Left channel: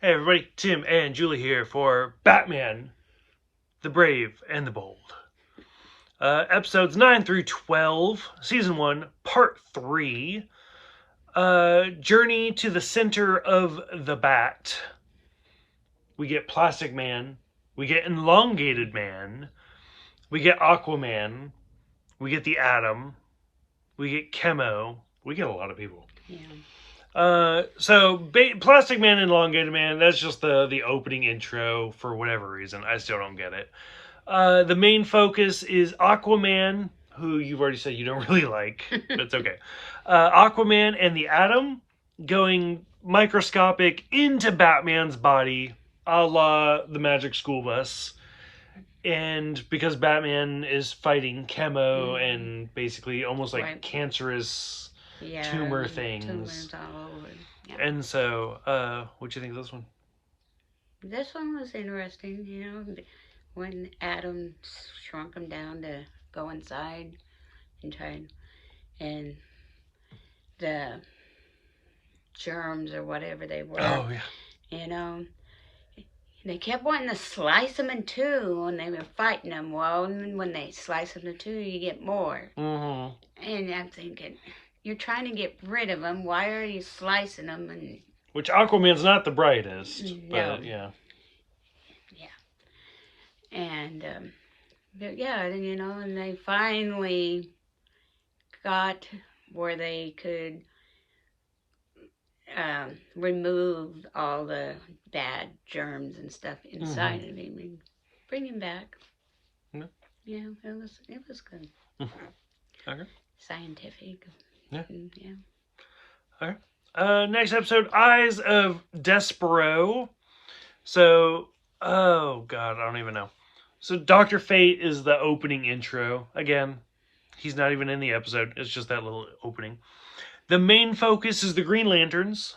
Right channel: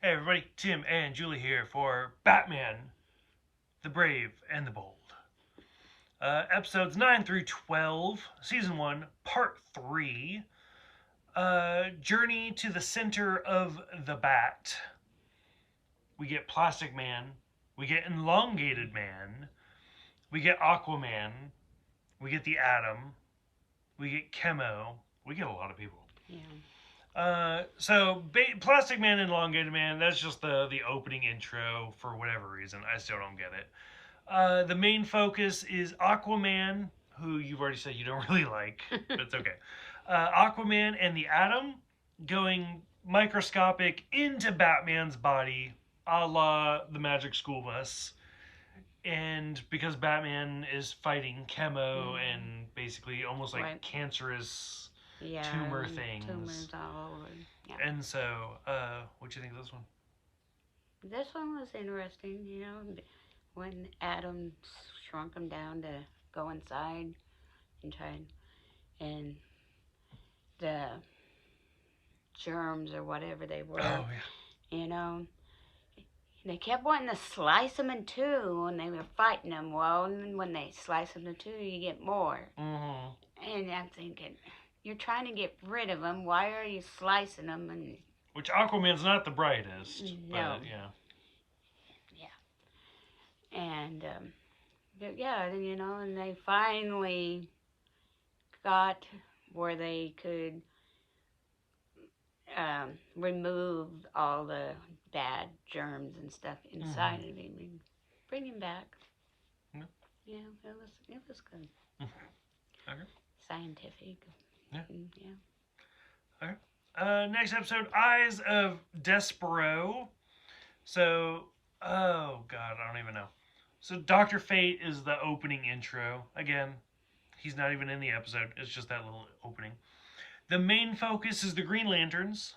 Hey everybody, Tim and Julie here for Batman, the Brave and the Bold. Episodes 9 through 12, Season 1, Part 3. Journey to the Center of the Bat. We get Plastic Man, we get Elongated Man, we get Aquaman, we get the Atom, we get Chemo, we get a lot of people. Yeah. Plastic Man and Elongated Man, that's just the opening intro for whatever reason. I still don't get it. The main focus is Aquaman, who you've already said you don't really like. That's okay. Aquaman and the Atom going microscopic into Batman's body, a la the Magic School Bus. And because Batman is fighting chemo and basically almost like Right. cancerous Yeah, tumor things. tumors all over. Yeah. And so, what do you think of this one? This one was interesting, when Adam shrunk him down to go inside and try and the germs or whatever they were, Oh yeah. you know, they kept wanting to slice him in two when they were fighting him. Well, when they slice him in two, you get more. Mm-hmm. And I'm thinking, you're trying to get rid of them. Why are you slicing them? And Which Aquaman's not the brightest, no, but yeah. yeah, and but yeah, and they finally got where they could remove all the bad germs and stuff inside of him and bring him back. Yeah. Yeah, it was good. Okay. Scientific. Yeah. Yeah. Okay. Next episode, Eyes of Despero. So, oh god, I don't even know. So, Doctor Fate is the opening intro. Again, he's not even in the episode. It's just that little opening. The main focus is the Green Lanterns.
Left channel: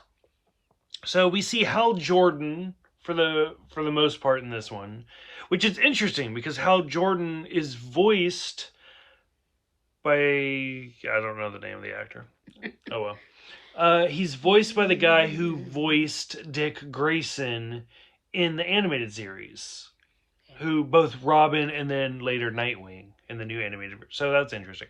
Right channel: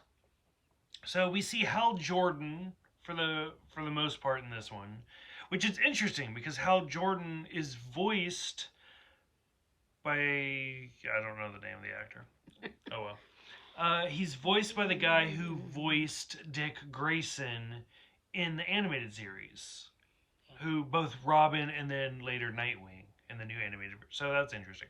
So we see Hal Jordan for the most part in this one, which is interesting because Hal Jordan is voiced by, I don't know the name of the actor. Oh well. He's voiced by the guy who voiced Dick Grayson in the animated series, who both Robin and then later Nightwing in the new animated. So that's interesting.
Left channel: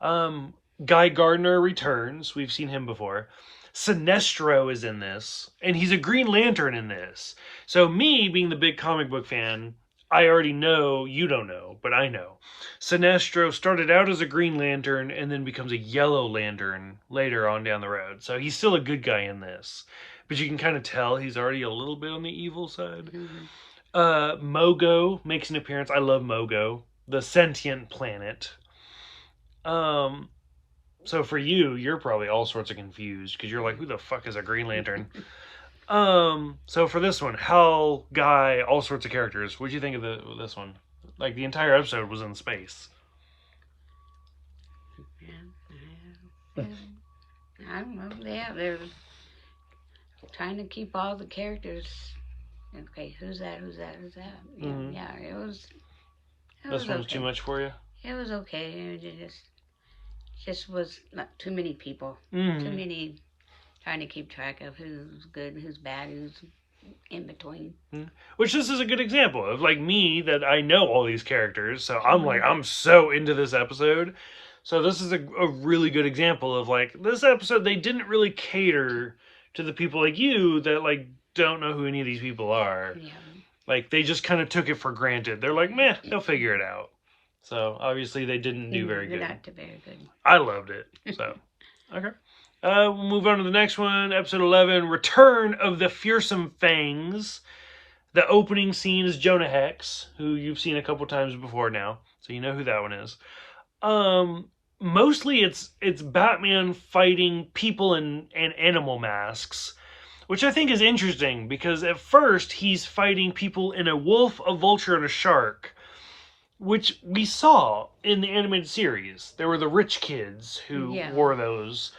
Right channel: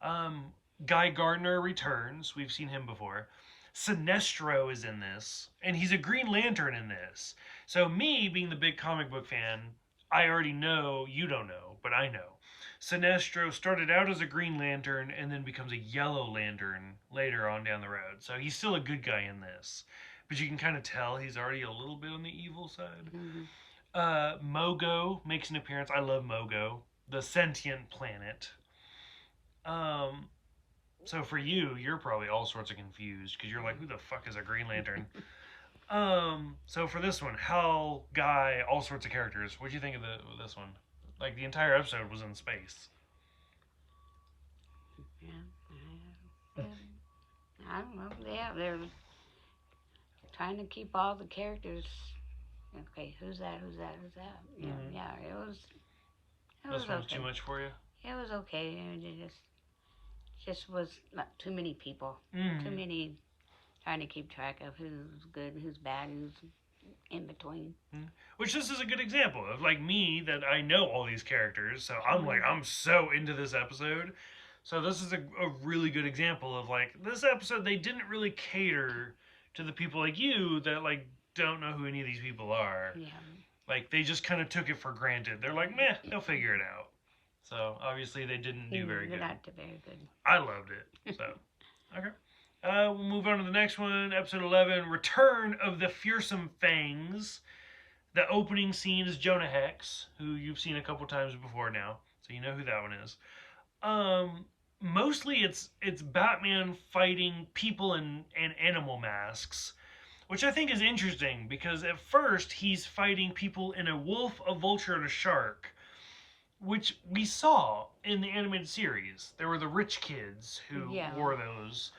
Guy Gardner returns. We've seen him before. Sinestro is in this, and he's a Green Lantern in this. So me being the big comic book fan, I already know, you don't know, but I know. Sinestro started out as a Green Lantern and then becomes a Yellow Lantern later on down the road. So he's still a good guy in this. But you can kind of tell he's already a little bit on the evil side. Mogo makes an appearance. I love Mogo, the sentient planet. Um, so for you, you're probably all sorts of confused because you're like, who the fuck is a Green Lantern? So for this one, Hell, Guy, all sorts of characters. What do you think of this one? Like the entire episode was in space. Yeah. I don't know. Yeah, they're trying to keep all the characters. Okay, who's that? Who's that? Who's that? Mm-hmm. Yeah, it was. This one was okay. too much for you. It was okay. It just was not too many people. Mm-hmm. Too many trying to keep track of who's good, who's bad, who's in between. Mm-hmm. Which this is a good example of like me that I know all these characters, so I'm like I'm so into this episode. So this is a really good example of like this episode they didn't really cater to the people like you that like don't know who any of these people are. Yeah. Like they just kind of took it for granted. They're like, meh, they'll figure it out. So obviously they didn't do very good. Not very good. I loved it. So okay. We'll move on to the next one, episode 11, Return of the Fearsome Fangs. The opening scene is Jonah Hex, who you've seen a couple times before now, so you know who that one is. Mostly it's Batman fighting people in animal masks, which I think is interesting because at first he's fighting people in a wolf, a vulture, and a shark, which we saw in the animated series. There were the rich kids who wore those.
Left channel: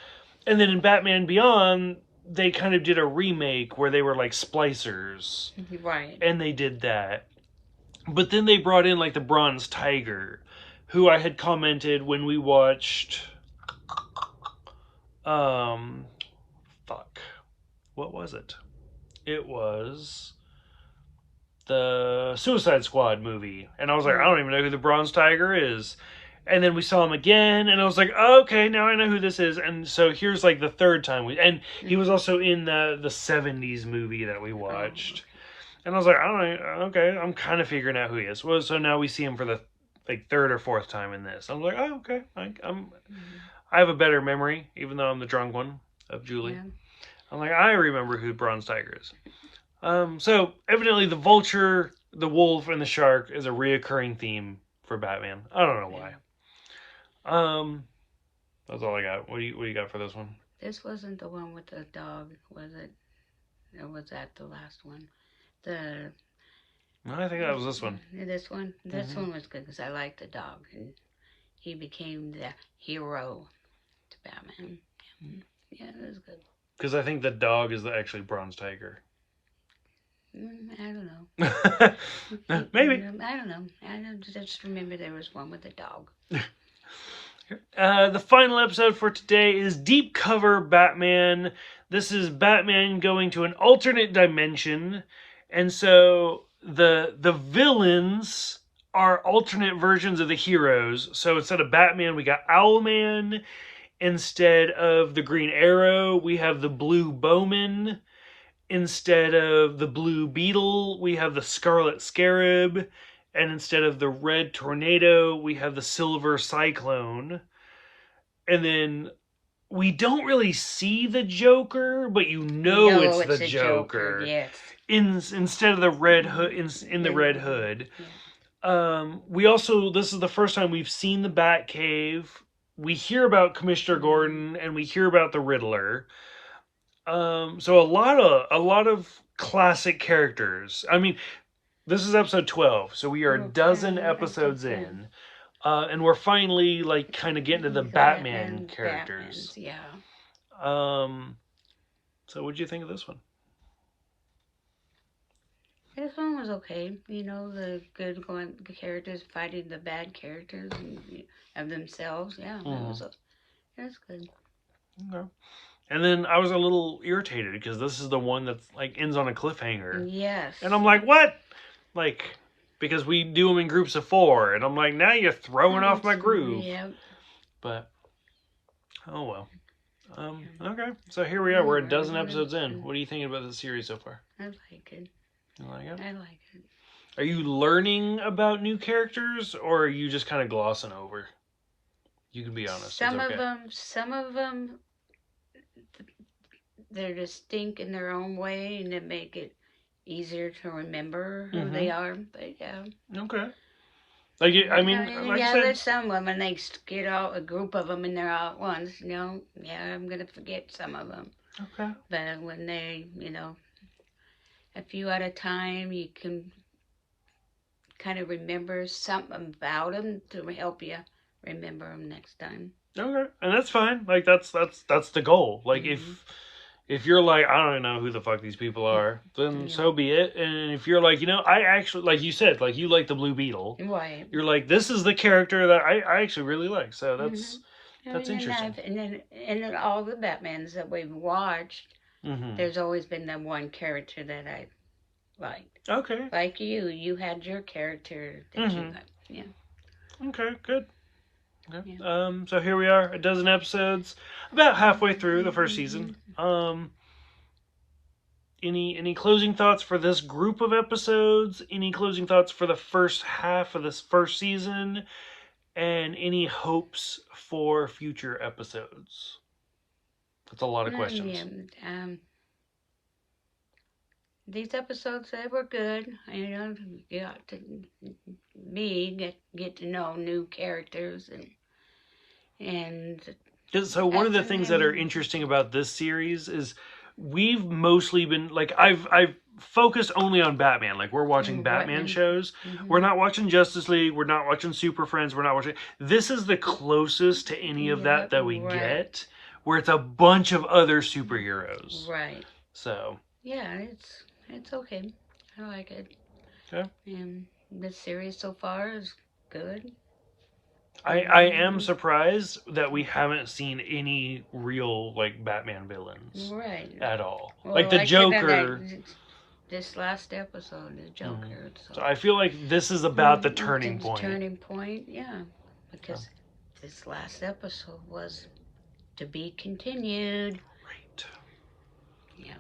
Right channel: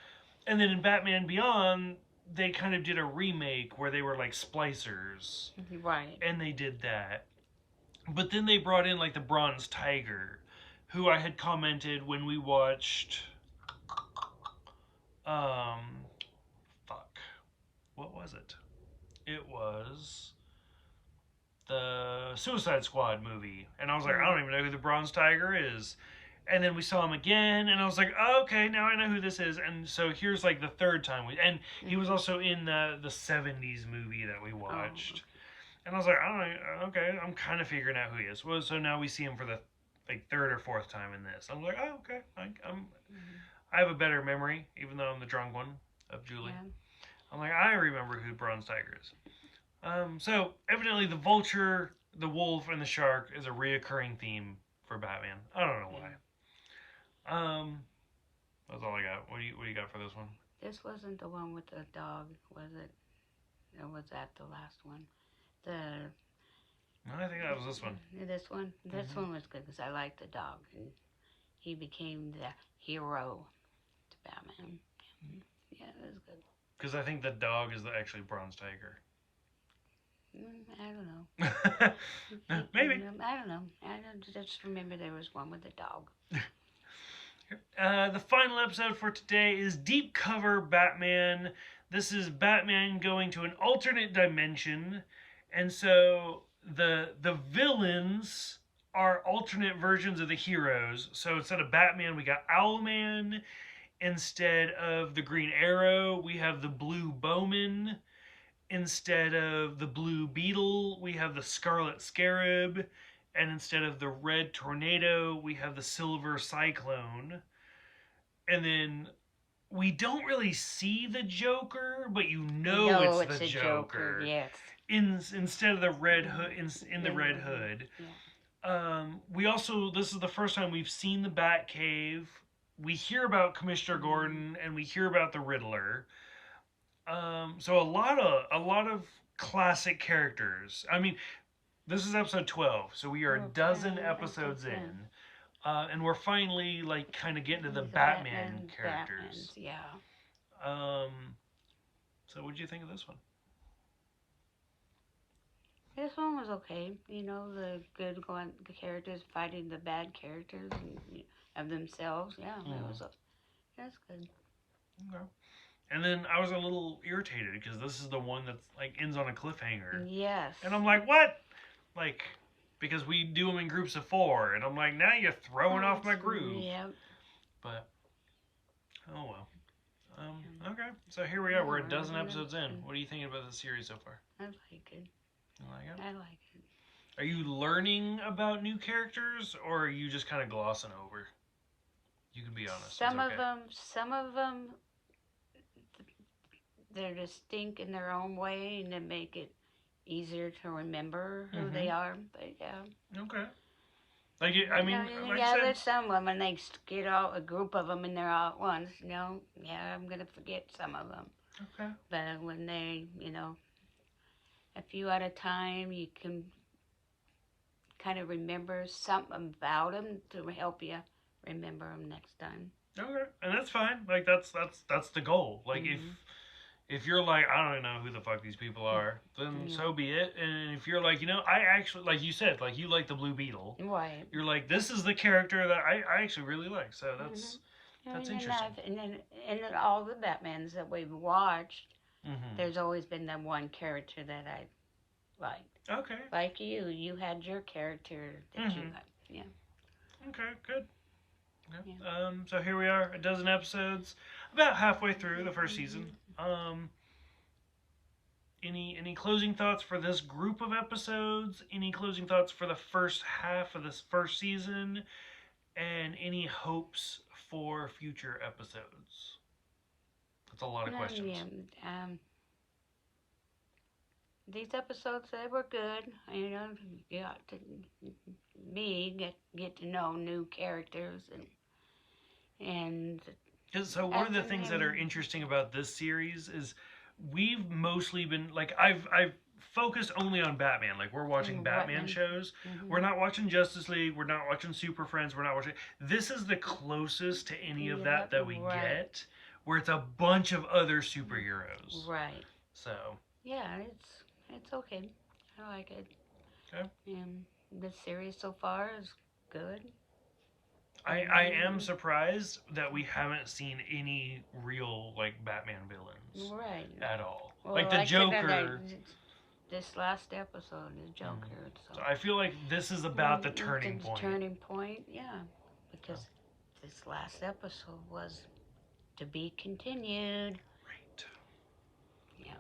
And then in Batman Beyond, they kind of did a remake where they were like splicers. Right. And they did that. But then they brought in like the Bronze Tiger, who I had commented when we watched fuck. What was it? It was the Suicide Squad movie, and I was like, I Mm. don't even know who the Bronze Tiger is. And then we saw him again, and I was like, oh, okay, now I know who this is. And so here's like the third time and he was Mm-hmm. also in the '70s movie that we Oh, watched. okay. And I was like, I don't know, okay, I'm kind of figuring out who he is. Well, so now we see him for the like third or fourth time in this. I'm like, oh, okay, Mm-hmm. I have a better memory, even though I'm the drunk one of Julie. Yeah. I'm like, I remember who Bronze Tiger is. So evidently the vulture, the wolf, and the shark is a reoccurring theme for Batman. I don't know Yeah. why. Um, that's all I got. What do you got for this one? This wasn't the one with the dog, was it? Or was that the last one? The I think that was this one. this one. This Mm-hmm. one was good because I liked the dog, and he became the hero to Batman. Yeah, it was good. Because I think the dog is the actually Bronze Tiger. I don't know. Maybe. I don't know. I just remember there was one with a dog. The final episode for today is Deep Cover Batman. This is Batman going to an alternate dimension, and so the villains are alternate versions of the heroes. So instead of Batman, we got Owlman. Instead of the Green Arrow, we have the Blue Bowman. Instead of the Blue Beetle, we have the Scarlet Scarab. And instead of the Red Tornado, we have the Silver Cyclone. And then we don't really see the Joker, but you know No, it's the it's a Joker. Joker. Yes. Instead of the Red Hood, in the Red Hood. We also, this is the first time we've seen the Batcave. We hear about Commissioner Gordon, and we hear about the Riddler. So a lot of classic characters. I mean, this is episode 12, so we are a dozen episodes in, and we're finally like kind of getting to the Batman characters. Batmans, yeah. Um, so what did you think of this one? This one was okay. You know, the good going characters fighting the bad characters of themselves. Yeah, it was good. Okay. And then I was a little irritated because this is the one that's like ends on a cliffhanger, Yes. and I'm like, what? Like, because we do them in groups of 4, and I'm like, now you're throwing off my groove. Yeah. But oh well. Okay, so here we are. We're a dozen episodes in. What are you thinking about the series so far? I like it. You like it? I like it. Are you learning about new characters, or are you just kind of glossing over? You can be honest. Some it's okay. some of them, they're distinct in their own way, and they make it easier to remember who they are. But yeah. Okay. Like I mean, like I said, there's some of them, and they get all a group of them, and they're all at once. You know, yeah, I'm gonna forget some of them. Okay. But when they, a few at a time, you can kind of remember something about them to help you remember them next time. Okay, and that's fine. Like that's the goal. Like if you're like, I don't know who the fuck these people are, then so be it. And if you're like, I actually, like you said, like you like the Blue Beetle, right? You're like, this is the character that I actually really like. So that's interesting. And then all the Batmans that we've watched, there's always been that one character that I liked. Okay. Like you had your character that you liked. Yeah. Okay, good. Okay. Yeah. So here we are, a dozen episodes, about halfway through the first season. Any closing thoughts for this group of episodes? Any closing thoughts for the first half of this first season? And any hopes for future episodes? That's a lot of questions. Yeah. These episodes, they were good. You got to get to know new characters and. So one of the things that are interesting about this series is we've mostly been like I've focused only on Batman. Like we're watching Batman shows. We're not watching Justice League. We're not watching Super Friends. We're not watching. This is the closest to any of that we get, where it's a bunch of other superheroes. Right. So. Yeah, it's okay. I like it. Okay. And this series so far is good. I am surprised that we haven't seen any real like Batman villains right at all. well, like the Joker. this last episode, the Joker. So I feel like this is about the turning The point. turning point, yeah, because this last episode was to be continued. Right. Yeah.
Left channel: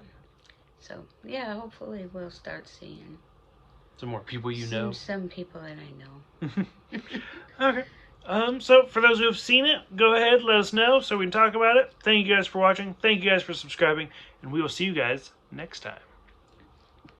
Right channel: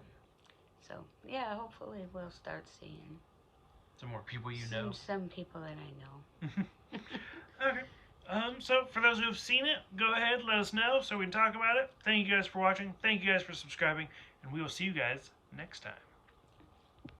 So yeah, hopefully we'll start seeing Some more people you know. Some people that I know. Okay. So for those who have seen it, go ahead, let us know so we can talk about it. Thank you guys for watching. Thank you guys for subscribing, and we will see you guys next time.